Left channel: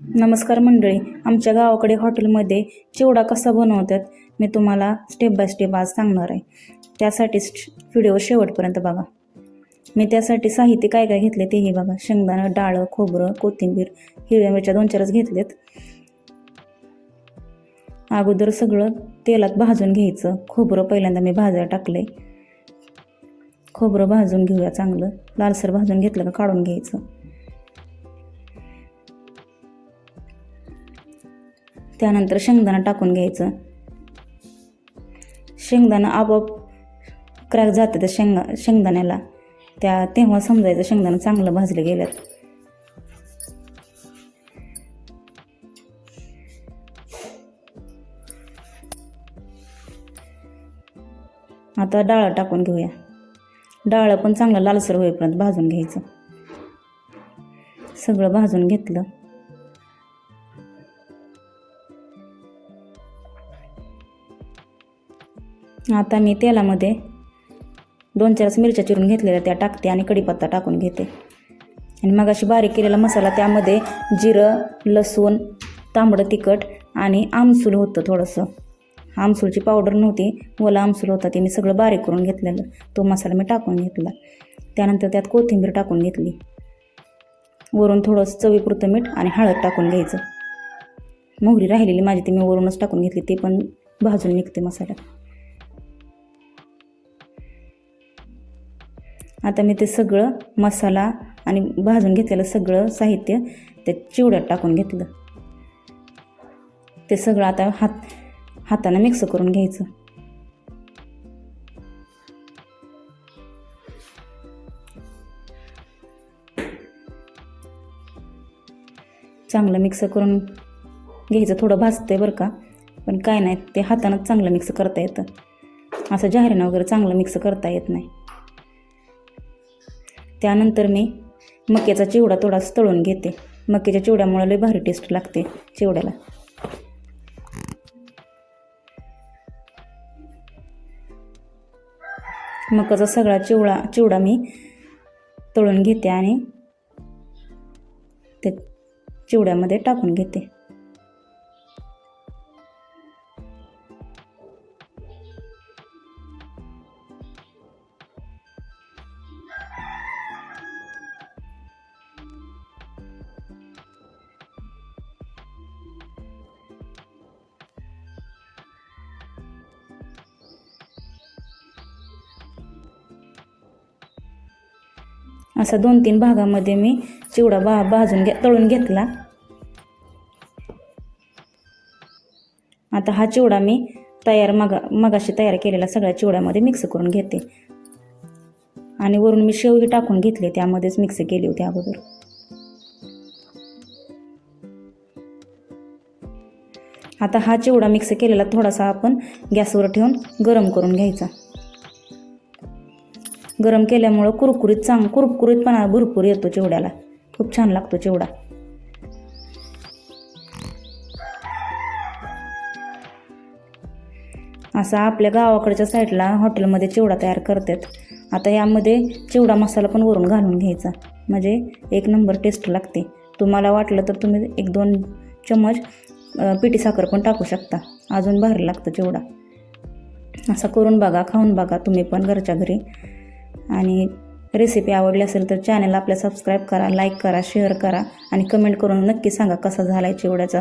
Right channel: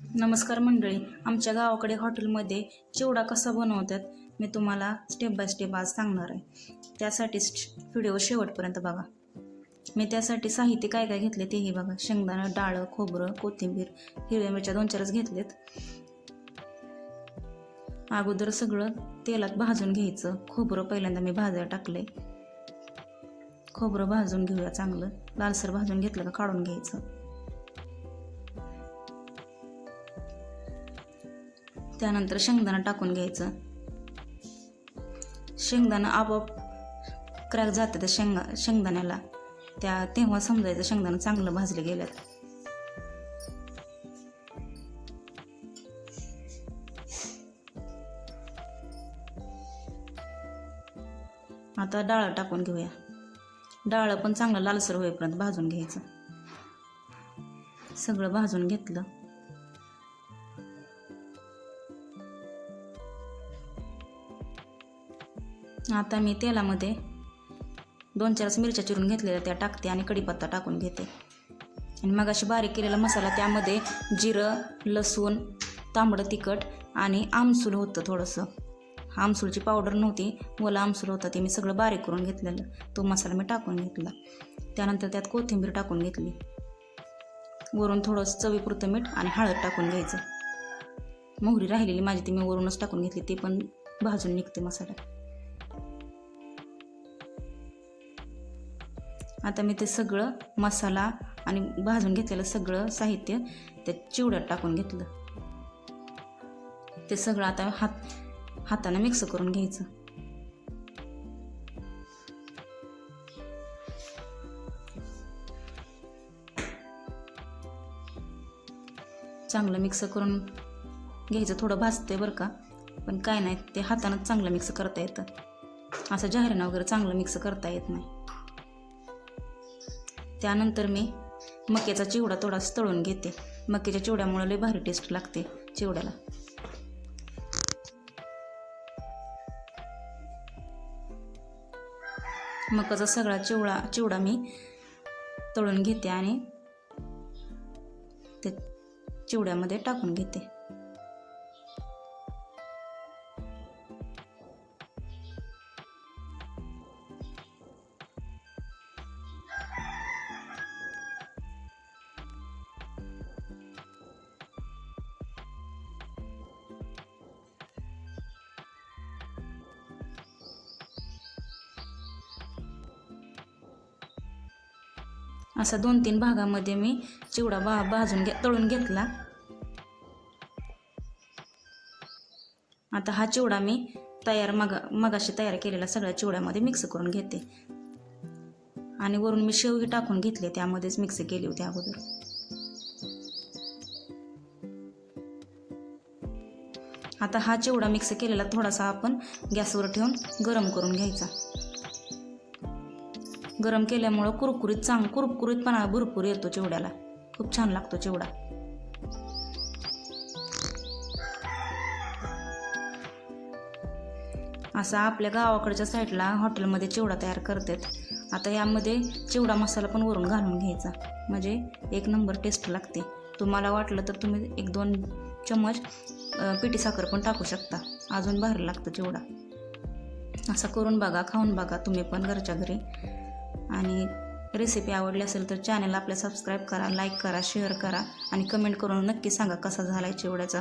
नमस्कार मंडळी, आमच्या गावाकडे हॉटेलमध्ये चिवडा कसा बनवतात मी तुम्हाला स्टेप बाय स्टेप आज सांगणार आहे. त्यासाठी व्हिडिओ शेवटपर्यंत बघा. मी त्यासाठी साहित्य काय काय घेतले तेही बघा. शेंगदाणा, डाळ, खोबरं, कोथिंबीर, हिरव्या मिरच्या 2-4 घेतलेत. अगोदर सगळं तेलात भाजून घ्यायचं. खोबरं पहिल्यांदा मी भाजायला टाकले. खोबरं भाजून घेऊया चांगलं. लालसर भाजून घेतलं का काढून घ्यायचं. त्यानंतर शेंगदाणा टाकून घ्यायचं. शेंगदाणा आपोआप क्रॅक जातं त्या शेंगदाण्याला. तेव्हा समजायचं शेंगदाणा चांगलं भाजले गेल्यात. आता डाळ टाकून घेऊया. डाळ पण चांगलं लालसर होईपर्यंत भाजून घ्यायचं. सगळं भाजून घेतलं. आता मी तेलामध्ये 2-4 मिरच्या चिरून घेतलेल्या त्या टाकते आणि कढीपत्ता टाकून घेते. आणि मगाशी बारीक केलेला मसाला त्यामध्ये जिरं, लसूण, तांबडं तिखट आणि आमसूल होतं थोडंसं. आमसूलची पावडर नव्हती, ओला आमसूल होता, ते मी सगळं बारीक करून घेतलेलं. तो मसाला मी टाकून घेतला. त्यानंतर त्यात कोथिंबीर टाकून घेतली. वरून थोडंसं चवीपुरतं मीठ आणि हळद टाकून घ्यायचं. मोहरी राहिलेली माझी ती मी वरूनच टाकून घेतली, ते पण भाजून निघते मसाल्यात. आता मी ते सगळं मसाला आणि भाजून घेतलेलं सगळं साहित्य ते चिवड्यात टाकून घेतलं. ते सगळं आता हाताने मिक्स करून घ्यायचं. चांगलं मिक्स करून घ्यायचं. थोडं भाजतंय बरं का, पण काय नाही, ते हातानंच चांगलं मिक्स करता येतं. असं जाहिरानं वगैरे चांगलं मिक्स करता येत नाही. त्यानंतर मी मक्याचा चिवडा थोडासा तळून घेते. मक्याच्या चिवड्यामुळे लय भारी टेस्ट लागते चिवड्याला. मकाचा सगळा चिवडा मी तळून घेते आणि ते चिवड्यामध्ये टाकून घेते. असा 2-3 भागामध्ये मी चिवडा तळून घेतला. आता हा चिवडा मी मगाशी तयार केलेला सगळ्या चिवड्यामध्ये मिक्स करून घेते. आणि वरून मी शेवही टाकून घेतली, त्यामध्येच मिक्स केली होती अगोदर. आता हा चिवडा मिक्स केलेला थोडासा आपण गॅसवर ठेवून गरम करून घ्यायचा. गरम केल्यामुळं कुरकुरीतपणा भरपूर येतो चिवड्याला. खूप छान लागतो चिवडा. असा आपल्या गावाकडच्या साईडला हॉटेलमध्ये चिवडा तयार करतात. आता यामध्ये चिवडा मसाला पण वरून घालून घ्यायचा, म्हणजे 1 नंबर टेस्ट लागते. तुम्हाला वाटलं तर तुम्ही 1-2 चम्मच पिठी साखर पण टाकू शकता, अजून भारी लागतं चिवडा. असा करून बघा, खाऊन बघा तुम्ही पण घरच्या घरी. आणि रेसिपी आवडली असेल तर चॅनल आपल्या सबस्क्राईब करा, लाईक करा, शेअर करा आणि कमेंट करून नक्की सांगा कसा झाला आहे चिवड्याचा